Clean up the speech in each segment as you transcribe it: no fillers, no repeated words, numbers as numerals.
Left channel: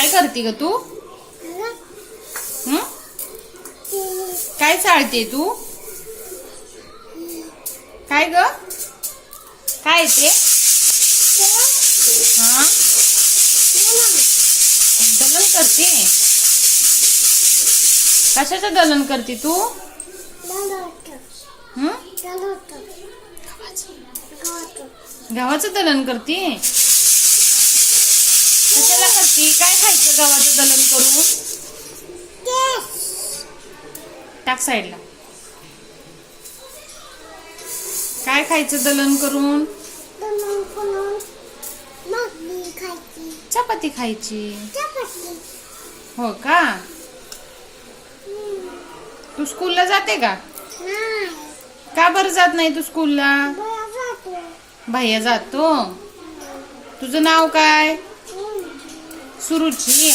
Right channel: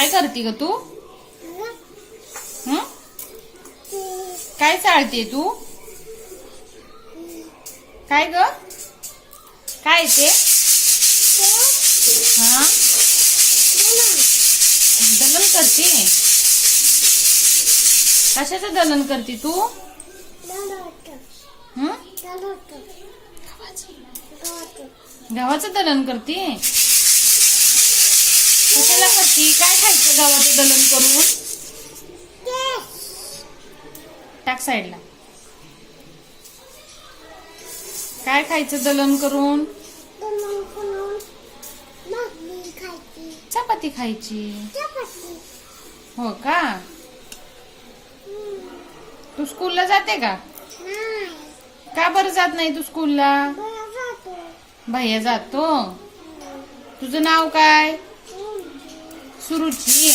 काय करते ग तू? काय चालते तू? काय ग? काय ते? हा, दलन करते. कशाचं दलन करते तू? गव्हाचं दलन करते. कशाला करते? काय खायचं गव्हाचं दलन करून? टाक साईडला. काय खायचं दलन करून? चपाती खायची. हो का? तू स्कूलला जाते का? का बरं जात नाही तू स्कूलला? भैया जातो. तुझं नाव काय? सुरुची.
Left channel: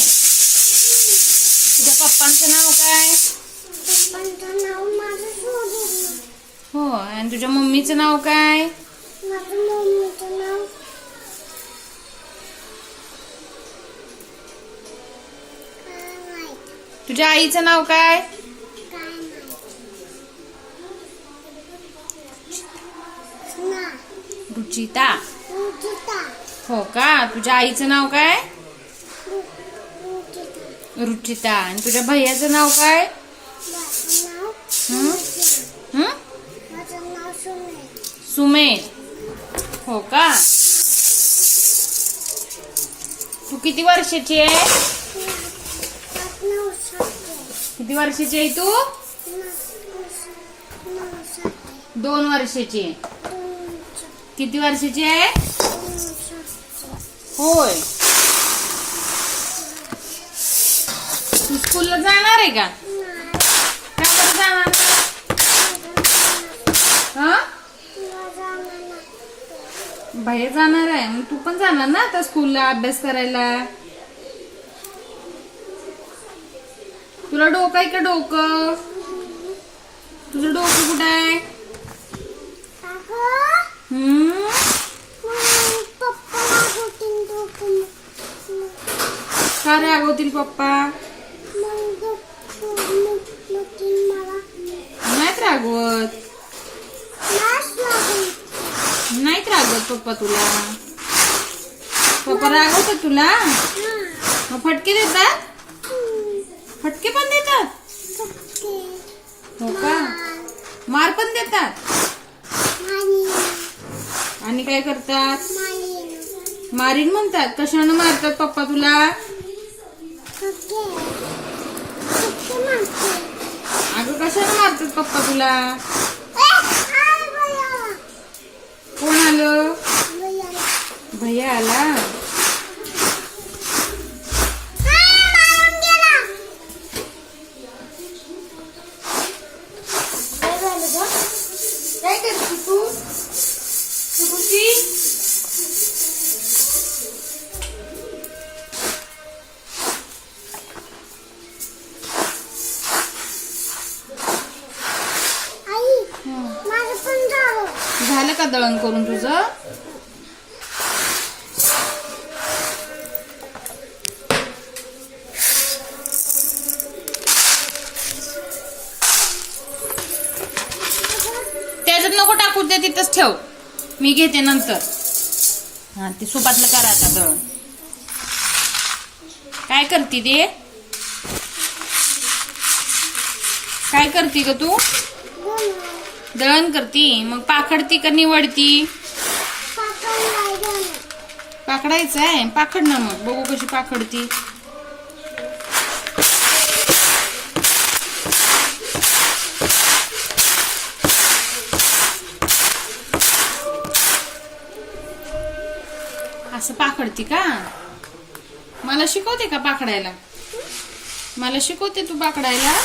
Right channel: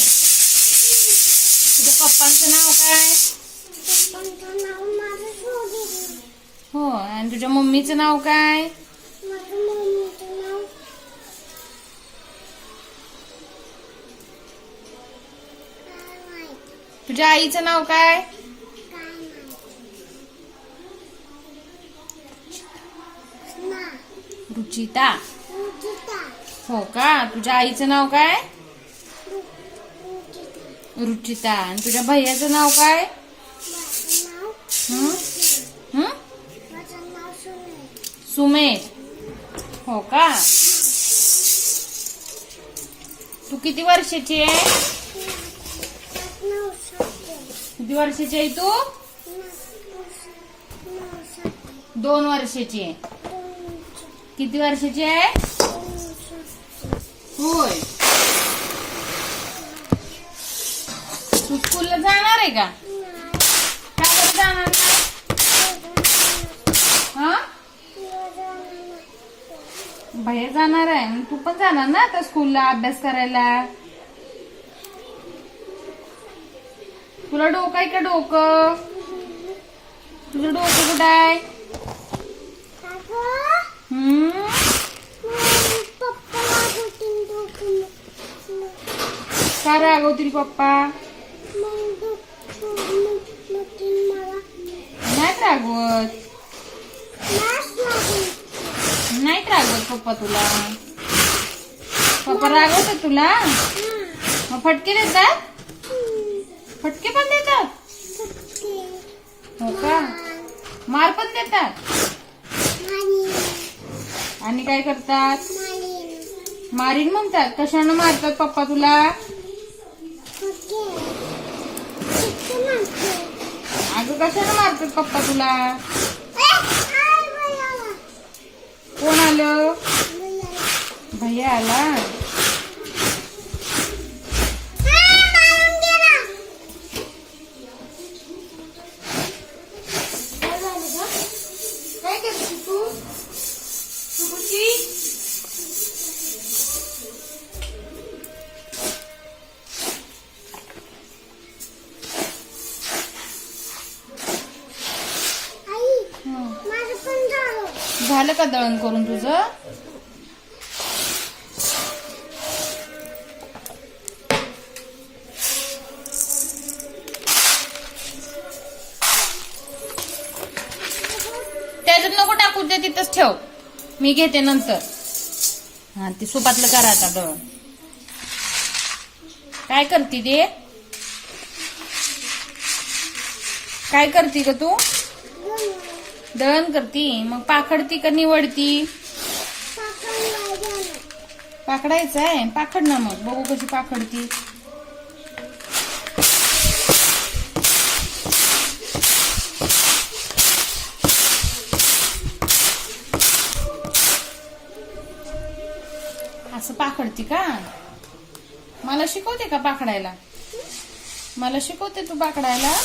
तुझ्या पप्पांचं नाव काय? हो. आणि तुझ्या मम्मीचं नाव काय? तुझ्या आईचं नाव काय? रुचिता. हो का? तुझ्या आईचं नाव काय? रुचिता. आणि तुझ्या भैयाचं नाव काय? सुमेश. हो का? तू किती वर्षाची आहे? किती वर्षाची आहे तू? 2 वर्षाची आहे. किती वर्षाची आहे? होय. तू स्कूलला जाणार आहे का? का बरं जाणार? हा, बाहेर जाणार आहे. मग तू पण जाणार ना आता स्कूलला अभ्यास करायला. तुला डोकं आहे का? डोकं? तुझं डोकं कुठं आहे? का रागवतील पप्पा? नाहीत रागवत. नाहीत रागवत पप्पा तुला. पप्पा रागवतात तुला? मग फटके देतात? फटके पण देतात? हो का? मार पण देतात? आणि काय करतात? मारीन म्हणतात. कशानं मारतात पप्पा तुला? अगं कशानं मारतात पप्पा तुला? कोण आलं? भैया आला. काय करते तू? सुरुची. झालं का दळण करून तुझं? त्याच्यात नको टाकू दे, तिथंच ठेव. मी घेते नंतर. हा, ती सुपातलं करा आता दळण. काय करती ते? काय करती ग तू? दळण करती. मग पाखडती का निवडती? पाखडायचं आहे. पाखड ना मग, बघू कशी पाखडती. असं पाखडती का? मला शिकवते का पाखडायला? मला शिकवते तू पाखडायला?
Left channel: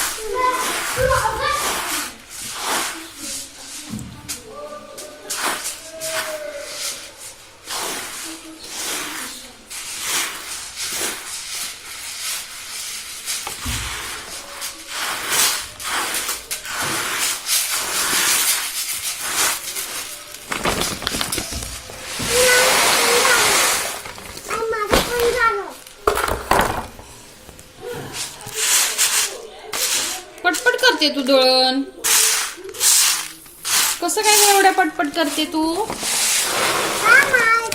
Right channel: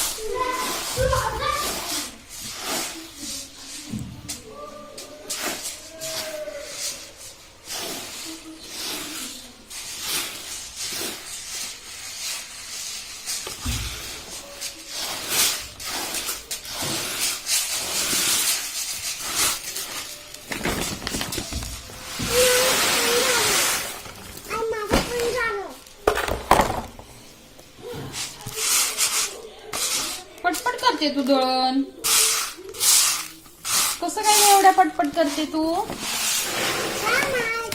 करते तू? काय माहित?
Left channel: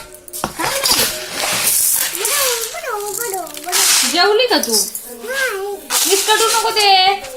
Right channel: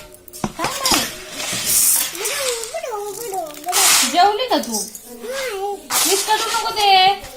जेवली का तू? विस्कटू नको ते.